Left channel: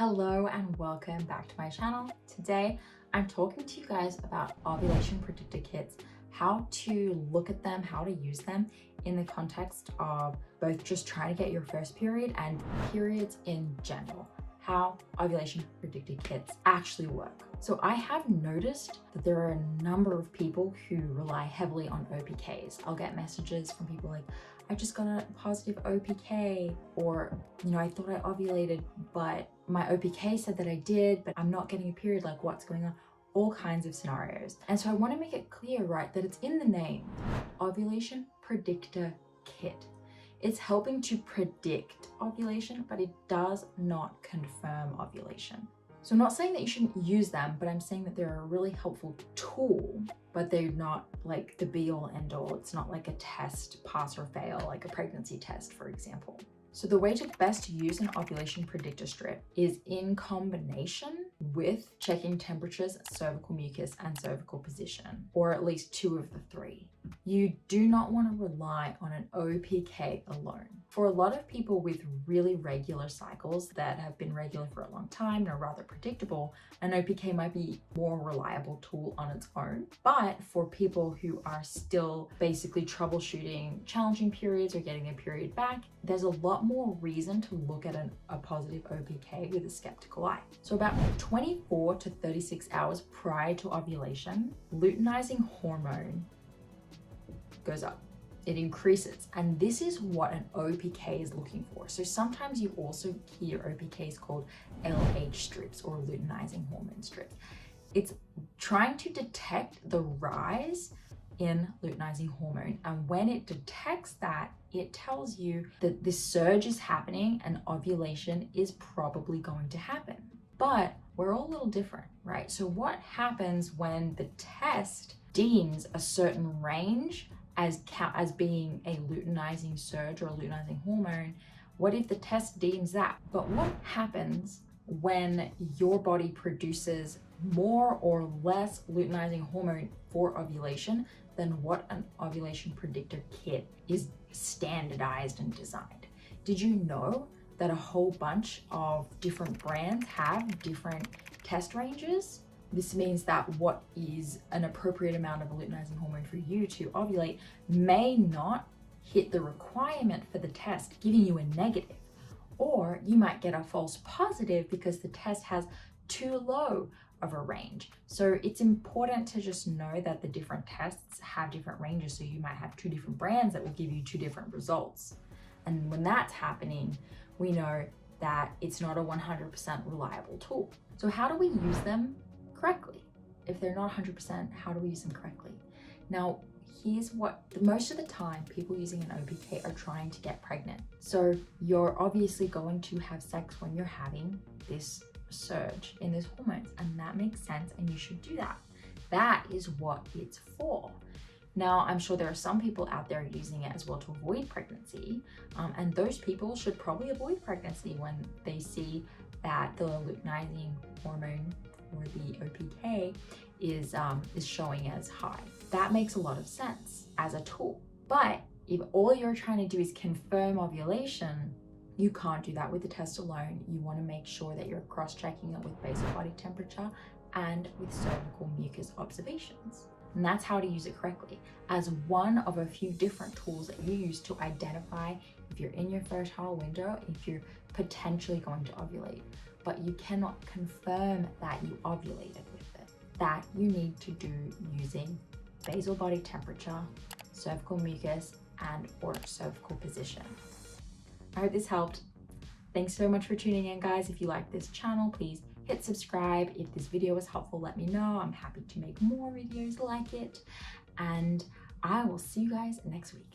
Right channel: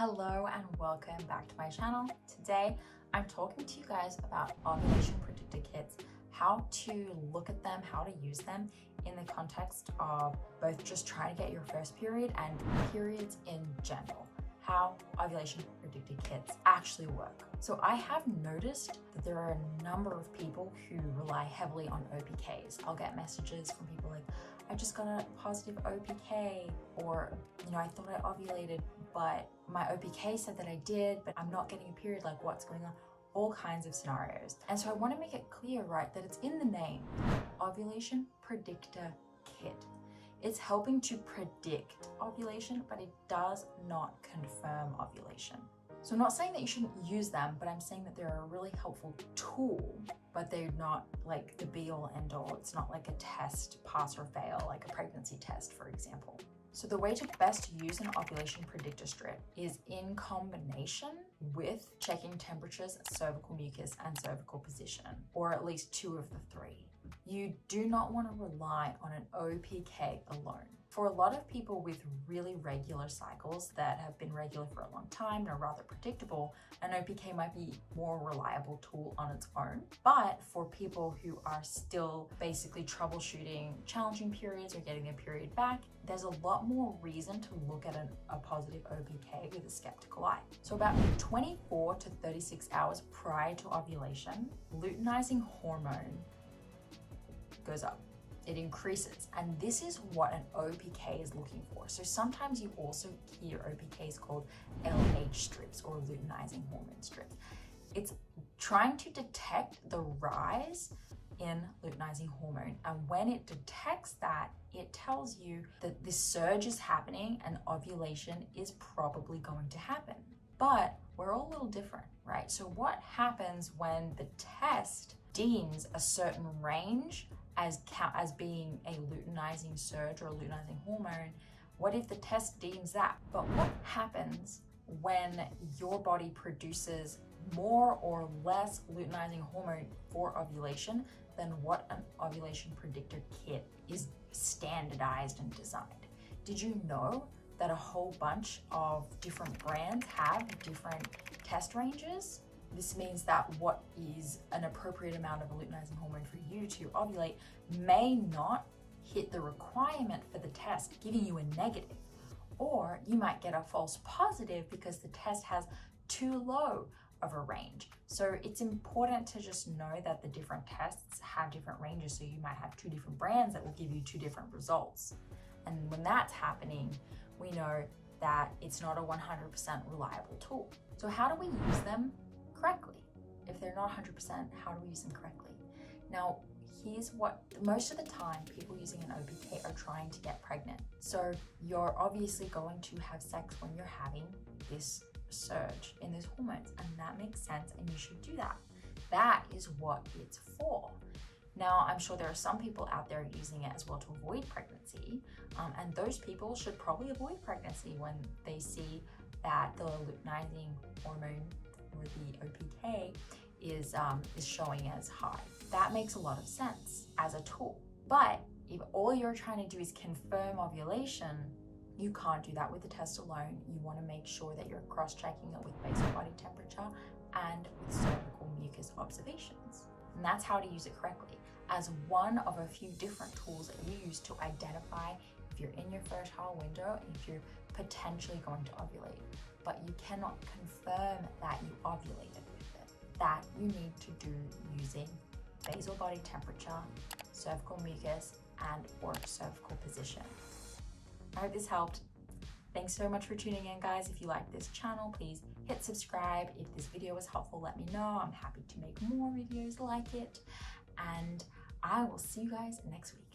Hello and welcome back to my channel. Today I'm talking to you guys about ovulation predictor kits, how to look at them, how to use them in the context of both just trying to get your first period and periods in general, how ovulation predictor kits actually work. So I have noticed that there are a number of people who rely heavily on OPKs. I'll get messages from people like, I just got a positive OPK, or, I thought I ovulated, but my OPK said that I did, but I'm not getting a period, like what's going on? All kinds of scenarios. And so I want to make it clear, right, that it's in the name, Ovulation Predictor Kit. It's helping to predict ovulation, but it does not confirm ovulation. So I'm not saying that you shouldn't use them, but I'm saying that they're a really helpful tool, but they're not like the be all end all. It's not like a test, pass or fail, like a pregnancy test, for example. So the way to best use an ovulation predictor strip is in combination with checking temperatures, cervical mucus, and cervical position, or at least two of the three. You do not want to rely on an OPK alone. For a lot of people with really regular cycles that have been regular for a long time and are rather predictable, an OPK might be a more reliable tool on its own. But for people who are still basically troubleshooting challenging periods or getting their period back, there's a lot more reason to look at a positive OPK with a skeptical eye. So about 24 to 36 hours prior to ovulation, luteinizing hormone goes up. It increases, and this is what an OPK is looking for. So sometimes you also hear OPKs called LH strips or luteinizing hormone strips. It's trying to detect the rise in luteinizing hormone, and when it detects that, it tells you that this surge is happening and ovulation is probably going to happen. But we're all a little different, right? So what happens when the test deems a certain range as being a luteinizing surge or a luteinizing hormone? What if the test deems that? But what happens when your body produces more or less luteinizing hormone for ovulation than what an ovulation predictor kit is standardized and designed? Did you know that a whole bunch of different brands have different test ranges? This means that what is an appropriate amount of a luteinizing hormone for you to ovulate may not hit the requirement for the test, giving you a negative. Or you might get a false positive because the test has too low of a range. So it's important to just know that the different tests have different ranges. So you might have two different brands that will give you two different results. And when that's happening, we know that it's not a 100% reliable tool. So how do we use them correctly? If they're not 100%, how do we use them correctly? Now, here's what, most of the time people using an OPK are trying to get pregnant. So you're obviously going to have sex when you're having this surge in those hormones, and that makes sense, and you should do that. That is what it's for. Now, I'm sure there are some people out there using it as well to avoid pregnancy, and those people should probably avoid pregnancy when they see that the luteinizing hormone or the OPK is showing as high. That makes a lot of sense as a tool. But if all you're trying to do is confirm ovulation, you can't do that with the test alone. You want to make sure that you're cross-checking it with basal body temperature and with cervical mucus observations. And that's how to use it correctly, as one of a few different tools that you use to identify if you're in your fertile window, if you're potentially going to ovulate. But you cannot confirm that you ovulated with it. That you need to do using basal body temperature, cervical mucus, and or cervical position. I hope this helped. Thanks so much for tuning in, guys. If you like this channel, please hit subscribe. If this video was helpful, let me know. I'm happy to make more videos like it. And I will see you guys next week.